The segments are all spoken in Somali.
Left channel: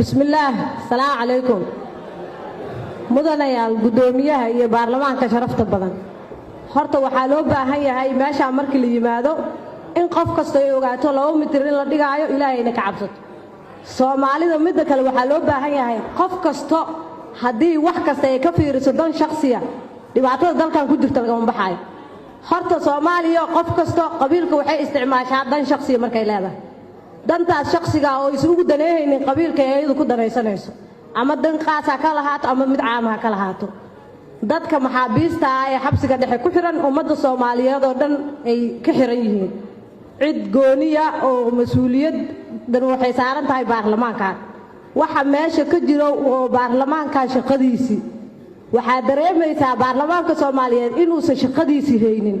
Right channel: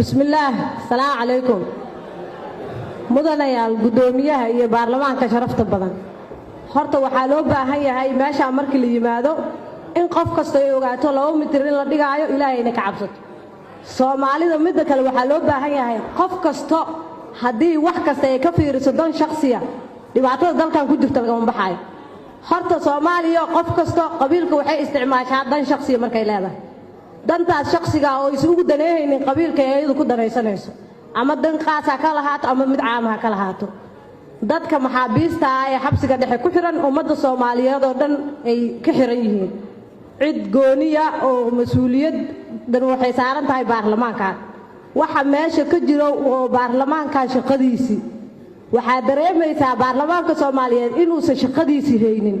بسم الله السلام عليكم mudanayaal gudoomiyaha iyo baarlamaanka sharafta badan horta waxa loo baahan yahay meesha markii la yimaado in qof kasta ay ogaato 2 mitir in la dhigaayo ilaahayna ka cabsato Soomaalida mid kale waxa loo baahan yahay qof kasta hadii wax kasta ay ka fiiriso dan shakhsiya dhibaatada dalkan ku jirta laga baxay horta Soomaaliya qof kasta qabiilka waxay isticmaashaa dan shakhsiya markay leedahay dantaas shakhsiga oo isugu daneeyeen qabiilka ay ku dareysanayso ama dan qaas ka lahaato ama mid caam ah ka lahaato dadka maxaabiista ah ee xabsiga dhexe ku xiran ummadda Soomaaliyeed oo dhan ay ka xiran yihiin cid gooniya oo mas'uuliyad dan waxay saaran tahay baarlamaanka waxa meesha ka jiro oo baarlamaanka shaqadiisi waxa dareemaysaa baarlamaanka Soomaaliyeed inuu shaqadiisi haynin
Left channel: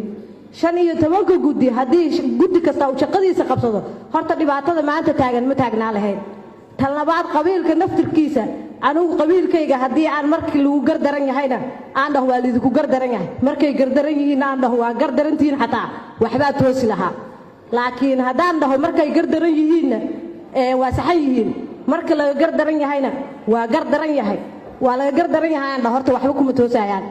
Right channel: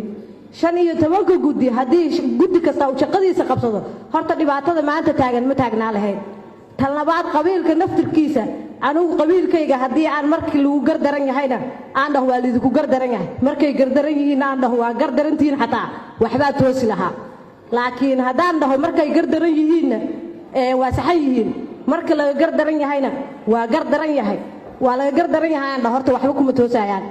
15 guddi hadii guddi kasta uu shaqadiisa qabsado horta dhibaatada maanta taagan ma taagnaa lahayn talabaad qabiilka naftirkiisa anigu qabiilkayga hadii aan markii lagu gardaran yahayna aan dhaho waalid ku gardaran yahay markay gardaran yihiin aan dhaho waa gardarantiin xataa waxba toosi lahaa laakiin hadaan dhaho markay gardaran yihiin waa saxan yihiin marka la gardaran yahayna waa gardaran yahay waa la gardaran yahay horta waxba kuma toosayaan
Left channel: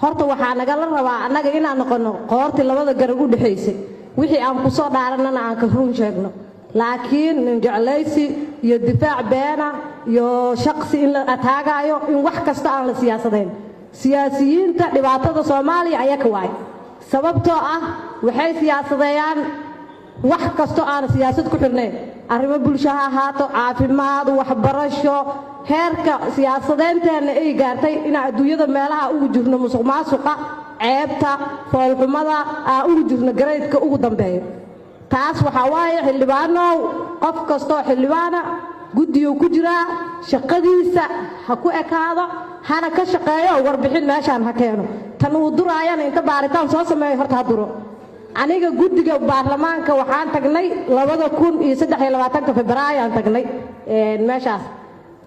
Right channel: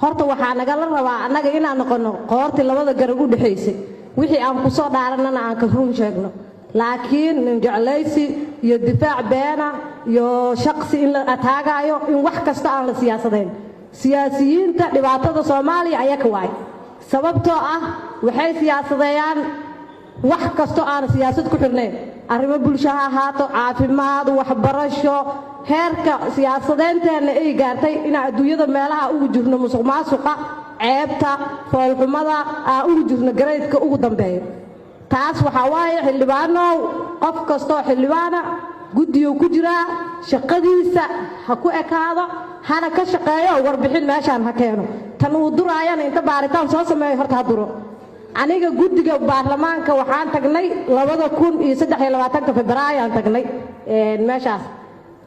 horta waxa naga la rabaa anaga inaan noqono qoorti labada garab u dhaxaysay wixii aan ku soo dhaaranana aan ka run sheegno laakiin jeclaysi iyo difaac beena iyo shakhsi in la ataagayo in wax kasta aan la siyaasadeen siyaasiyiinta dhibaatada Soomaaliya ayaa ka waay sababtoo ah waxay siyaasadayaan wax kasta aan siyaasad ku xirneen arrimo bulshada ahaato caafimaad waxbarasho heerka siyaasadeentana ay gaartay in adduunyada meelaha ugu jirno musuqmaasuqa ceebta foolxumada ugu jirno gareedka ugu dambeeyo taas waxa waaye xildhibaano qof kasto xildhibaana guddiyo ku jira shaqadiisa ha ku ekaado hana ka shaqeeyo warbixin meeshaan ha keeno tan uu duraayana inta baaritaan soo sameeyo horta duro aniga guddiga baarlamaanka waxaan tagnay 2023 Febraayo aan tagnay meeshaas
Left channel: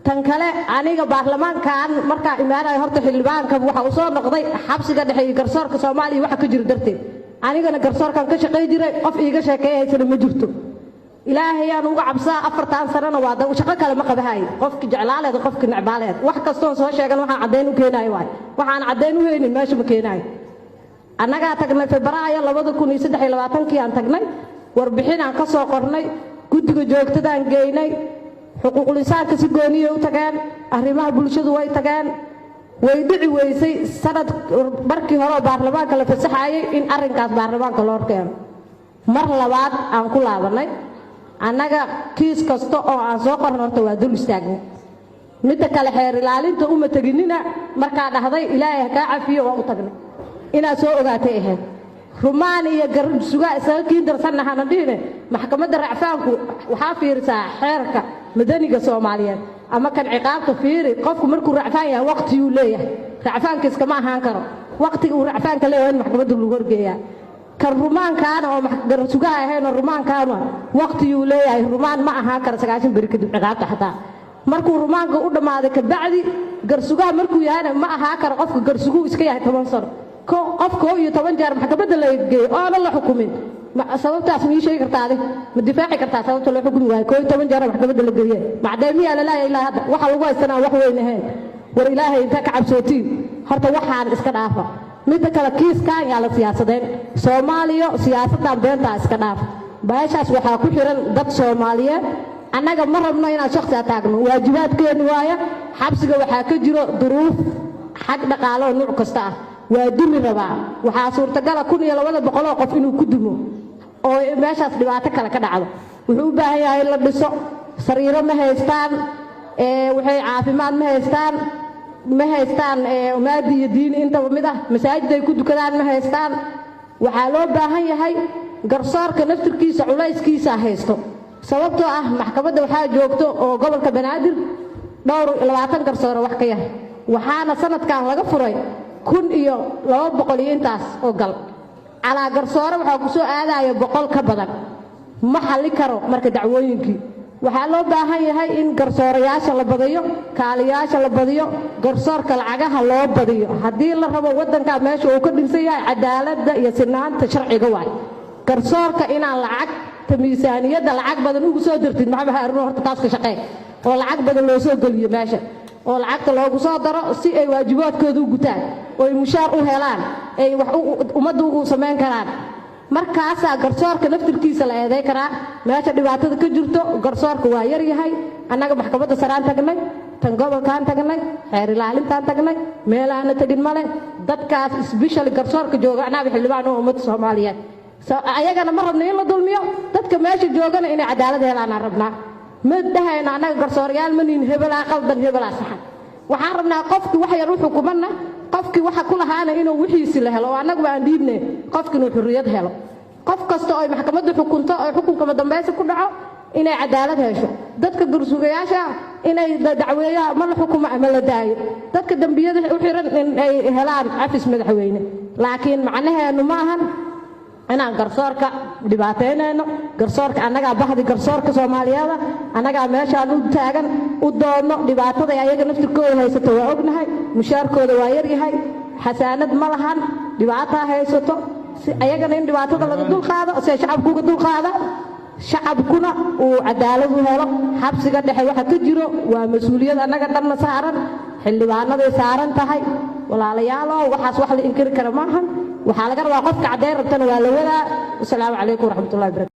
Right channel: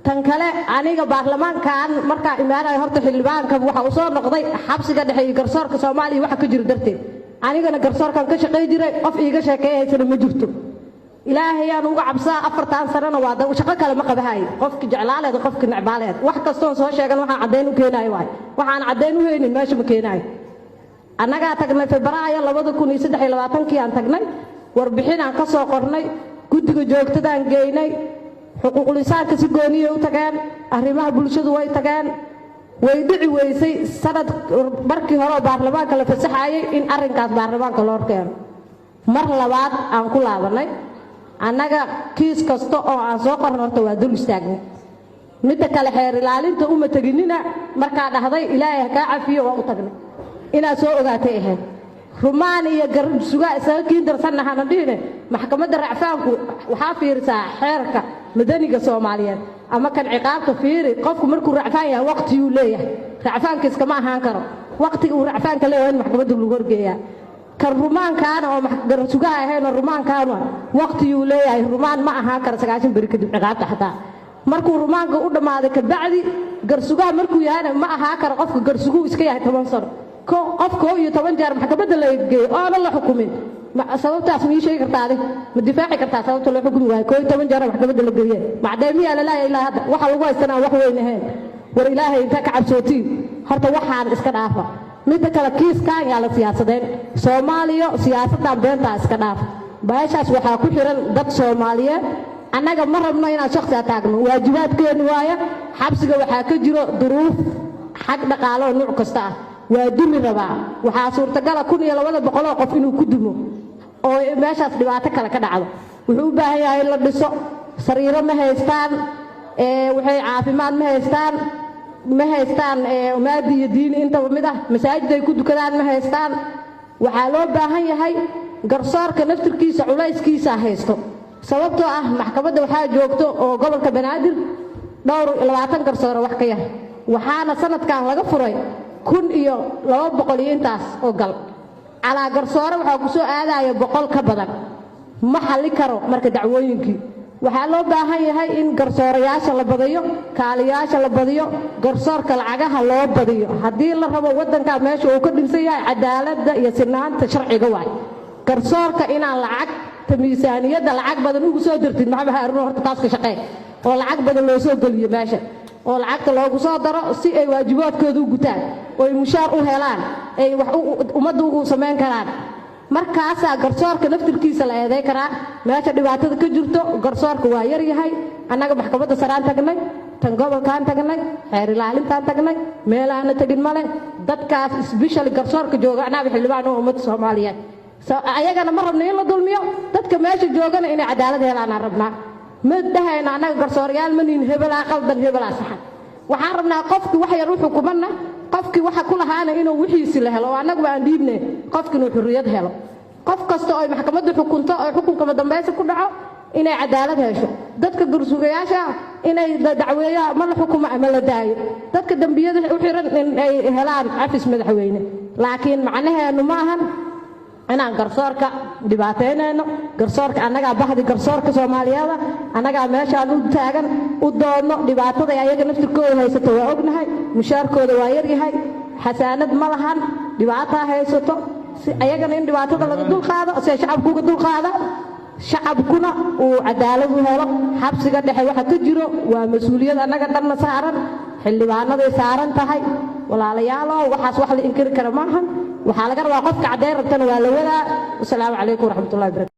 tan kale aniga baarlamaankan marka imaanay horta xildhibaanka waxa uu soo noqday xabsiga dhexe garsoorka Soomaaliya waxa ka jira darteed anigana garsoorkan ka shaqeey jiray qof iiga sheekeeyay ma jirto ilaahay aan uga cabsaa 4 sano waa dad shaqo kale ma qabahay qofki jeclaaleed qofki nacbaaleed wax kasto soo sheegan waxa cadeen u keenay waxaan cadeen u heeynin meesha ma keenay anaga tagnay Febraayo 2023 aan tagnay warbixin aan ka soo qornay guddiga joogtada aan geynay xuquuqul insaanka si gooniyo u tagaan arrimaha bulshadu way tagaan way dhici weysay sanad markii hore baarlamaanka la fasaxayay in arrinkaas baarlamaanka loo keeno mar labaad aan ku laabanay anaga kiis kasta oo aan soo qornay waa dul istaagnay mid kale xeer ilaalinta uma taginina marka dhahday ilaahay ka cafiyo oo u tagnay ina soo ogaatay Rumaaniya garab suga isaga darsanahana dhine maxkamadda racfaanku waxa fiirsaa xeerka madaniga Soomaaliyeed ama kan ciqaabta fiiri qofku markuu racfaan yahay waqti uu leeyahay racfaanka iska ma ahaan karo waqtiga uu racfaanka leeyahay maxkamadda lagu wargeeyaa kan rumaankaana oo garab suga ahayn rumaankaana waqti uu leeyahay rumaan ma ahaan karo 9 bari kadib ciqaabta xataa markuu rumaanka u dhamaaday ka bacdi garsugaha markuu yahay ma ahaan karo qofka garsugu iska yahay 10 sano qofka iyo 10 jeer maxkamadda la geeyo oo aan la xukumin sababtaas ma sheegi kartaa ma difaaci kartaa sababta la xukumi waayo 10 jeer maxkamadda la geeyo bacdeemiya la ilaa hada waxa lagu haysanaa wax weyn ahayn war ilaahay inta ka cabsootiin horta waxaan iska dhaafo mid kale kiiskan yaa la siyaasadeen Soomaaliya siyaasadda beenta iska dhaaf baashaas waxa ku xiran dad Soomaaliyeed annaga ma rabno inaan shakhsi taagno waajibaadkeenu waaye xabsiga waxa ka jiro duruuf xaq dhaqaale oo nooc kasta waa dumi rabaa waxa suurtagal ah 1200 qof inuu ku dimo oo meeshaas dhibaato kale ka dhacdo wuxuu u baahan yahay la dhiso sariiro ma haystaan waxay caafimaad ma haystaan maadi iyo diin inta mid ah masaajid ay ku tukadaan ma haystaan waxa loo baahan yahay garsoorka naftirkiisa culayskiisa haysto sababtoo ah maxkamadda waxa joogto oo gobolka Banaadir dhowr 20 garsoor wax ka yahay waxaana sanadkan laga furay 1200 intaas oo gal ala garsoor waxa ku soo aadayo 100 ka badan ma xalli karo marka dacwooyinkii waxa loo baahan yahay in garsoorayaasha la badiyo kaaliyaasha la badiyo garsoorka lacagaha loo badiyo hadii la rabo wadanka meesha uu ka dhisay cadaaladda iyo sinaanta sharciga waay garsoorka inaan lacag miisaaniyada lacag badan ugu soo dirtid macnaha horta taas ka shaqeey oo lacag badan loo soo geliyo meesha oo lacagta loogu soo daro si ay waajibaadkooda u gutaan oo ay mushaar u helaan ay wax ummadda ugu samayn karaan markaasaa garsoorka naftirkiisa la eeday karaa meesha dhibaatada ka jirto garsoorka waa yar yahay annaga maxkamadda saraan tagnay tan gobolkaan tagnay xeer ilaalintaan tagnay meelaana tagin male dadkaas isbishali garsoorka jooga annaga xildhibaan oo ummadda soomaaliyeed ayagana ma rabno in la dulmiyo dadka meesha joogana inay cadaalad helaan aan rabnaa ma dhahayno annaga garsooryaal ma nihin hebelaa qaldan hebelaa saxan waxaan rabnaa qofki wax yar u xukumanna qofkii waxa ku lahaana inuu wixiisi la helo oo annagu aan dhiibne qofki inuu xurriyad helo qof kasta oo ay maxkamaddu xukunto oo xukunkama dambaysa ku dhaco inay cadaalad hesho dadka garsuurayaasha inay dacweeyaan ma la xukumo ama la daayo dadka dambiyada u xiran in ay helaan cafis madaxweyne laakiin macnaheenu ma ahan inaan garsoorka dhibaateynayno garsoorka annagaa baxdi garsoorka soomaaliyeed annagaa meeshaan u taagan u doonno dhibaatada ayaga naftirkooda haysato waa ognahay mushaarkooda waa yaryahay xasaanad ma lahan dhibaataa haysato si ayagana in dhibaatada laga dulqaado se shacabku uga dulqaada shacabkuna uu cadaalad u helo xabsiga dhexe waxa ka jiro waa mas-uuliyad annaga dhanna saaran xildhibaanaday saaran tahay walaalayaalow waxaas wax la inkiri kara maahan waxaa laga rabaa qofka caddeyn rabtana waa la wadaa wasalaamu calaykum waraxmatullahi wabarakatu